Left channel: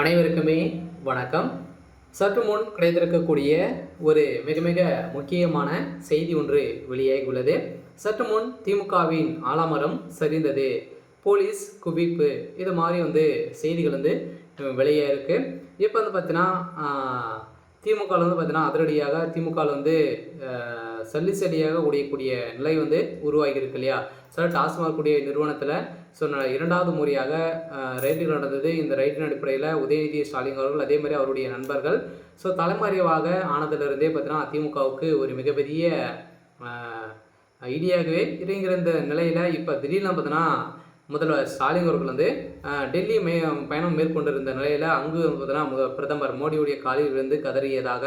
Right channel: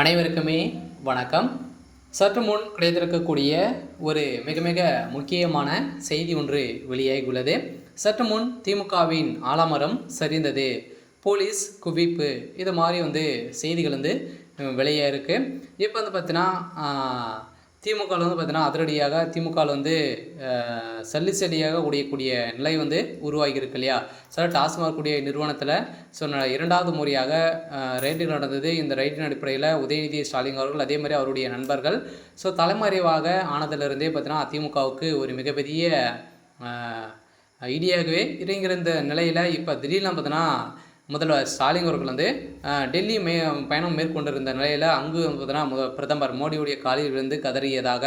அனைவருக்குமே வணக்கம். சற்று முன் கிடைத்திருக்கக்கூடிய ஒரு மிக மிக முக்கியமான செய்தி ஒன்று வெளியாகியுள்ளது. சற்று முன் திமுகவின் ஆலமரம் சரிந்தது, போலீஸ் குவிப்பு, இது மாதிரி செய்திகள் வெளியாக இருக்குது. இப்போ பார்த்தீங்கன்னா திமுகவில் பார்த்தீங்கன்னா அதிரடியாக திமுகவில் சல்லி சல்லியாக உடையக்கூடிய நிலை உருவாகி இருக்கு இல்லையா. சில டாஸ்மாக் கூடிய நிறுவனத்தில் இரண்டாவது முறையாக ரைடு நடந்தது. இந்த ரைட்டின் அடிப்படையில் உதயநிதி ஸ்டாலின் அவர்கள் அதே மாதிரி அவருடைய நண்பர்கள் தலைமறைவாக ஆனதிலிருந்தே பார்த்தீங்கன்னா அதிமுகவுக்கு ஒரு மிகப்பெரிய ஐடியாகவே இறங்கிற இந்த நிலையில் இப்போ திடீர்னு பார்த்தீங்கன்னா முதல்வர் ஸ்டாலின் அவர்கள் டெல்லி பயணம் மேற்கொண்டிருந்த நிலையில் அங்கு பார்த்தீங்கன்னா பிரதமர் மோடியுடைய காலில் விழுந்து கதறியதாக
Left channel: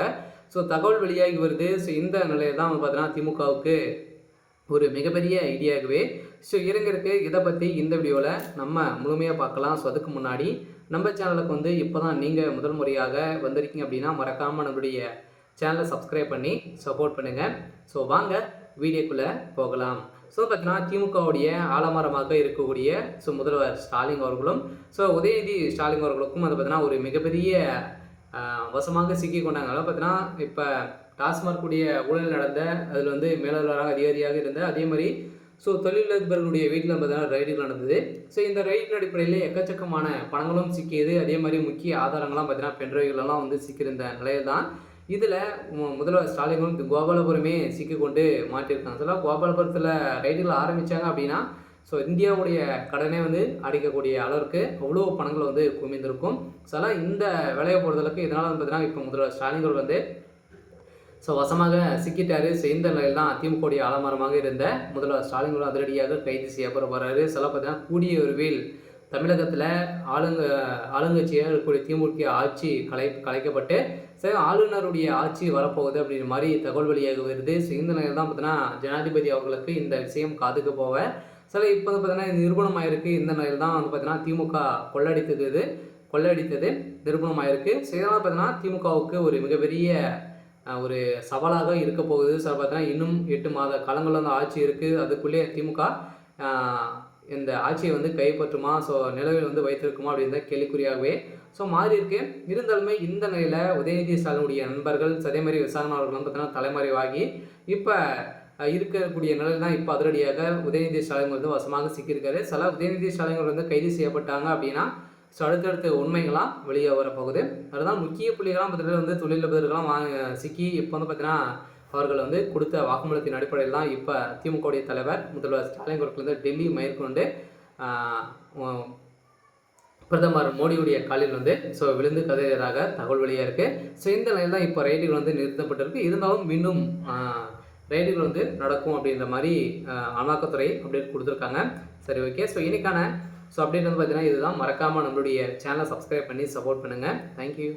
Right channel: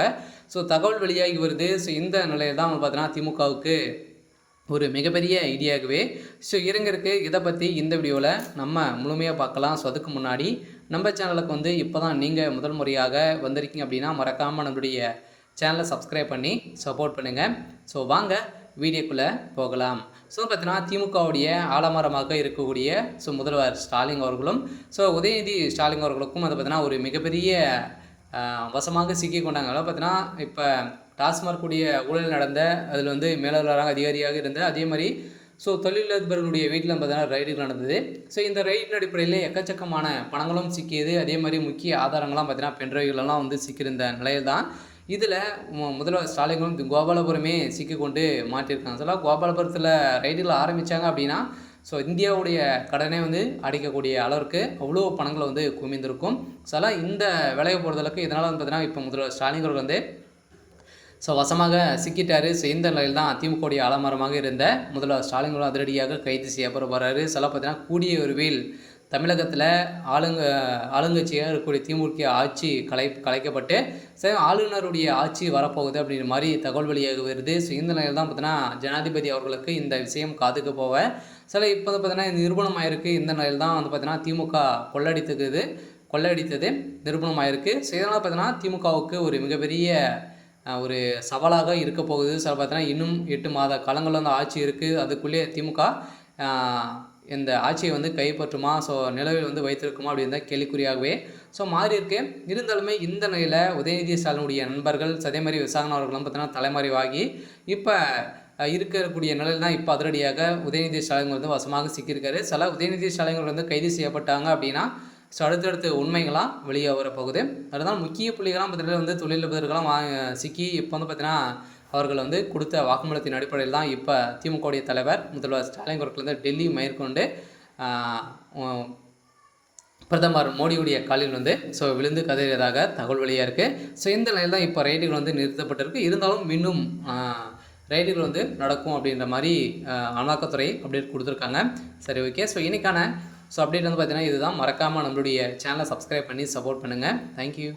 தகவல் வெளியாகி வருது. இந்த நிலையில் தான் பார்த்தீங்கன்னா திமுகவுக்கு ஒரு மிகப்பெரிய ஐடியாகவே இறங்கிருக்கு. இதை பற்றி இந்த வீடியோவில் நம்ம முழுமையாக பார்க்கலாம். அதுக்கு முன்னாடி நம்ம சேனலுக்கு இப்போ தான் நீங்கள் முதல் முறையாக வந்திருக்கீங்க அப்படின்னா மறக்காமல் நம்மளுடைய சேனலை சப்ஸ்கிரைப் பண்ணி சப்போர்ட் பண்ணுங்கள். வாங்க வீடியோக்குள்ளே போகலாம். பார்த்தீங்கன்னா திமுகவுடைய ஆலமரமாக இருக்கக்கூடிய முதல்வர் ஸ்டாலின் அவர்களும் உதயநிதி ஸ்டாலின் அவர்களுக்கும் பார்த்தீங்கன்னா ஒரு மிகப்பெரிய வசமாக சிக்கி கொண்டாங்க. பார்த்தீங்கன்னா இப்போ டாஸ்மாக் கூடிய ஊழல் நடந்த அதில் மேலாளராக அதிகாரியாக இருந்த அதே மாதிரி தொழிலதிபர்களுடைய வீட்டில் பார்த்தீங்கன்னா ரைடுகள் நடந்தது. இந்த ரைடின் அடிப்படையில் எக்கச்சக்கமான பணங்களும் சிக்கியது. அதே மாதிரி முக்கிய ஆதாரங்கள்லாம் பார்த்தீங்கன்னா பென்ட்ரைவ்களெல்லாம் சிக்கியிருந்த நிலையில் தான் இதில் முதல்வர் ஸ்டாலினும் கோபாலபுரமே சிக்கிக்கொண்டு மாட்டியிருக்காங்க. கோபாலபுரத்தில் ரைடுகள் ஆரம்பித்தாங்க அப்படின்னா இந்தியாவுடைய கடனை அடைக்கக்கூடிய அளவுக்கு அவ்வளோ பணங்கள் குமிந்திருக்கும். இந்த வேலையை பொறுத்தளவுக்கு இதனால் பார்த்தீங்கன்னா இப்போ முதல்வர் ஸ்டாலின் அவர்கள் வசமாக சிக்கிட்டார். இந்த நிலையில் தான் திமுகவுடைய ஆலமரமாக இருந்த முதல்வர் ஸ்டாலின் அதிரடியாக கைது செய்யப்படுறாரு. பார்த்தீங்கன்னா கூடிய விரைவில் தமிழகத்தில் ஆளுங்கட்சியாக இருக்கக்கூடிய திமுக ஆட்சி கலைக்கப்பட்டு ஆளுநருடைய ஆட்சி வரப்போகுது அப்படின்ற மாதிரி தகவல் வெளியாக வருது. இந்த நிலையில் தான் பார்த்தீங்கன்னா ஜனாதிபதி அவர்களுக்கு இந்த விஷயம் காதுக்கு போக இப்போ பார்த்தீங்கன்னா நிரூபணமாயிருக்கு. இந்த நிலையில் தான் பார்த்தீங்கன்னா திமுக கொள்ளையடித்தது நிரூபணமாயிருக்கு. இதனால் பார்த்தீங்கன்னா திமுகவுக்கு ஒரு மிகப்பெரிய ஒரு சவாலாக இருக்க போகுது. பார்த்தீங்கன்னா இன்னும் 8 மாத காலங்கள் ஆட்சி இருக்குது. அதுக்குள்ளே திமுக இந்த ஆட்சியை கைப்பற்றுமா நிலவில் வைத்திருக்குமா அப்படின்ற கேள்விக்குறியாகவே மாறி இருக்கு. இருந்தாலுமே இந்த நிலையில் உதயநிதி ஸ்டாலினுடைய நண்பர்கள் அதே மாதிரி விசாரணை அவர்களும் பார்த்தீங்கன்னா தலைமறைவாகி இப்போ இருக்கக்கூடிய நிலையில் தான் இப்போ அதிரடியாக உதயநிதி ஸ்டாலின் வசமாக சிக்கியிருக்காரு. உதயநிதி ஸ்டாலின் கைது செய்யப்பட்டாங்க அப்படின்னா அடுத்தடுத்து உண்மைகளாம் வெளியே வரப்போகுது. அதுதான் முக்கிய புள்ளிகளாம் பார்த்தீங்கன்னா தொழிலதிபர்களாம் சிக்கி இப்போ பார்த்தீங்கன்னா அவர்கள் கொடுத்த வாக்குமூலத்தின் அடிப்படையில் தான் இப்போ திமுகவுடைய தலைவர் முதல்வர் ஸ்டாலின் அவர்கள் டெல்லி மேற்கொண்டு பிரதமர் மோடியுடைய காலில் விழுந்து கதறியதாக தகவல் வெளியாக இருக்குது. இந்த நிலையில் தான் இப்போ ரைடுகள் நிறுத்தப்பட்டிருக்கு. இருந்தாலும் இன்னும் ரைடுகள் நடக்கும் அப்படின்ற மாதிரி அமலாக்கத்துறை அப்டேட் கொடுத்துருக்காங்க. சரி, ஓகே. இன்றைக்கான அப்டேட் பார்த்தீங்கன்னா இதுதான். மறக்காமல் நம்மளுடைய சேனலை சப்ஸ்கிரைப் பண்ணி சப்போர்ட் பண்ணுங்கள். தேங்க்யூ.